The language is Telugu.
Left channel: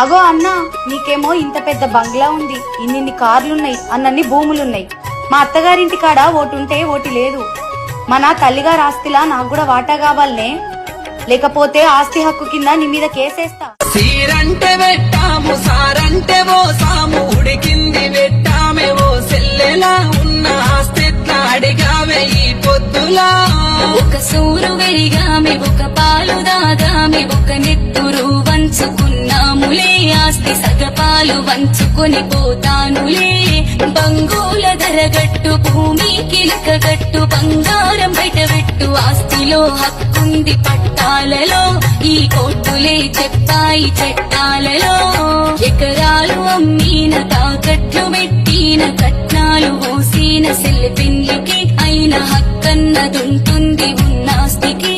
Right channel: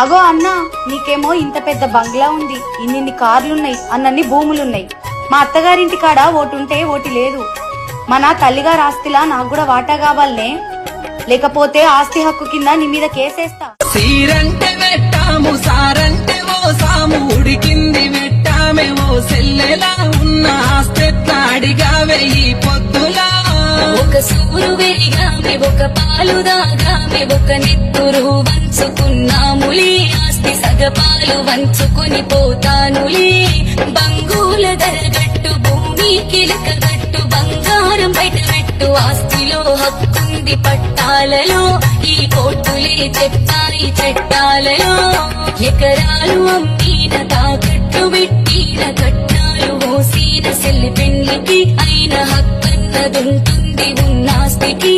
అగో అన్నా, నీకేమో ఇంత పెద్ద బంగ్లా ఉంది, ఇన్నిన్ని కార్లున్నాయి, అన్నన్ని భూములున్నాయి. మా అత్తగారింటి కాడ ఓటుంటే ఓటి లేదు. మన తల్లిగారి ఆస్తిలా నాకు కూడా వాటా కావాలనే, లేకపోతే ఆస్తి హక్కు కింద నీ మీద కేసేస్తా. సీరంటే వెట్టాము, సారంటే ఓ సాము, ఉడికింది వెట్టామే ఓ సెల్లెలా, ఉన్న ఆస్తెట్లా అడిగావే ఈ పొద్దులా. ఒక సూరు వెరిగామే, ఒక పాలు దాగామే, ఒక నెత్తురు వంచుకున్నాములే, ఆస్తి సగపాలు వంచుకొని పోతానులే. బంగుల ధరగట్టు, భూమి కిలకగట్టు, బంగారం బయట పెట్టు, ఆస్తిలో హక్కుంది పట్టాలలో, ఈ కోర్టులే చెప్పాయి చట్టాలలో. ఎకరాలు అమ్మీన, తాకట్లు పెట్టిన, కట్నాలు మోసిన, సెల్లి పెళ్లికి అయిన హక్కన్నదుంటుంది ఉన్నాస్తికి.